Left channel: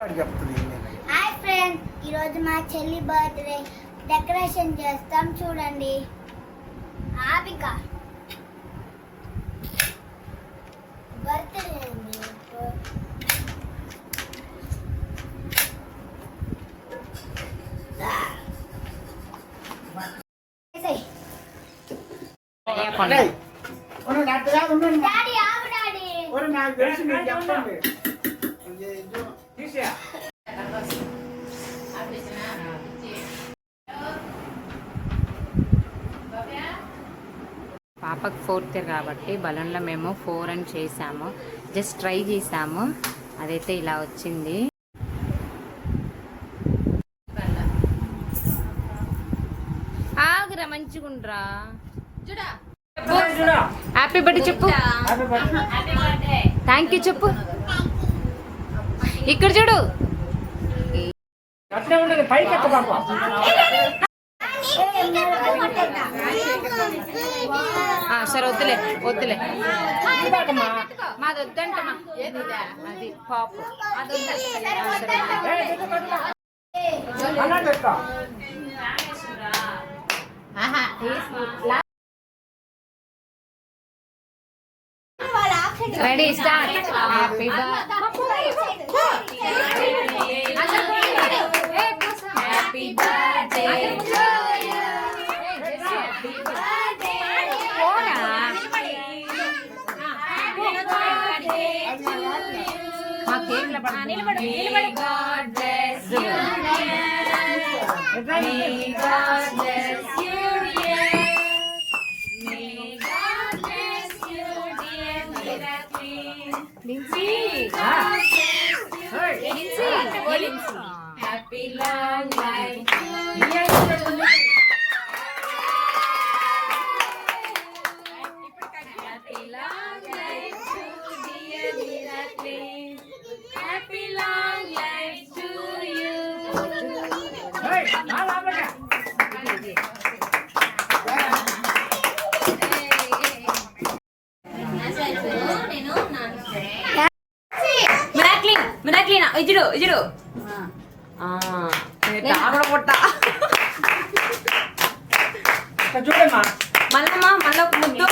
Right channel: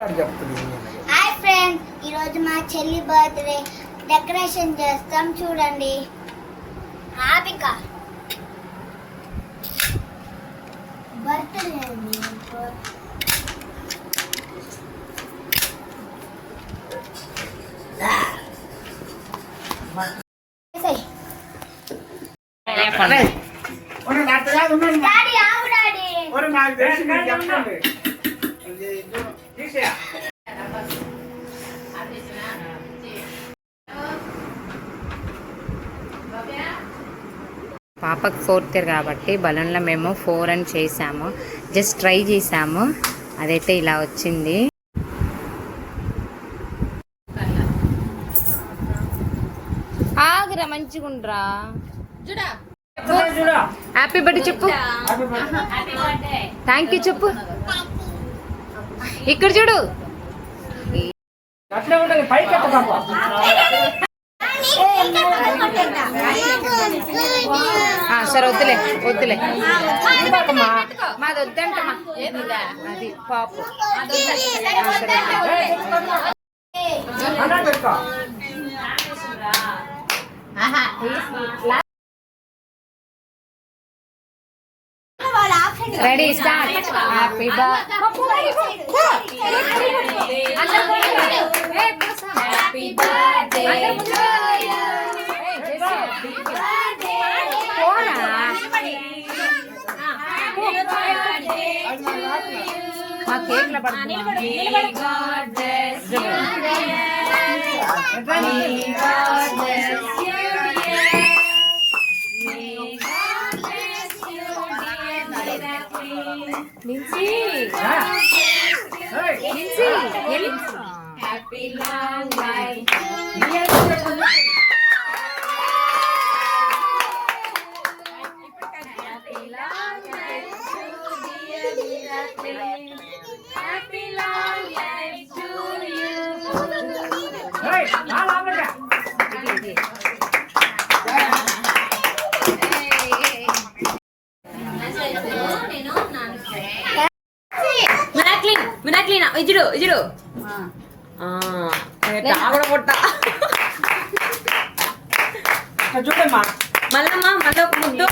Hi friends, ఈరోజు మా చెల్లి బర్త్డే డెకరేషన్ చేస్తాం చూడండి. ఆపిక బర్త్డే పాపకు 4th ఇయర్ కాబట్టి బలూన్లో మేము 4 అని చేసాము. జస్ట్ ట్రై చేసాము, అదైతే ఇలా వచ్చింది. ఆగురా, మంచిగుండ్రా. హ్యాపీ బర్త్డే చెప్పు. థ్యాంక్ యూ చెప్పు. ఇక్కడ చూడు. సరే, వద్దులే వద్దులే, మాది వద్దంటమ్మా. అది పాపు. Ready, start. హ్యాపీ మా కేక్ల పడుతుంది. Happy long life. Happy long life to dear Miracle. Happy long life to you. Hey, మిరాక్లీనా ఇజుడు ఇజుడు కూడా పుట్ట చూడమ్మా. మళ్ళమ్మా మళ్ళీ ఒక ముద్దు.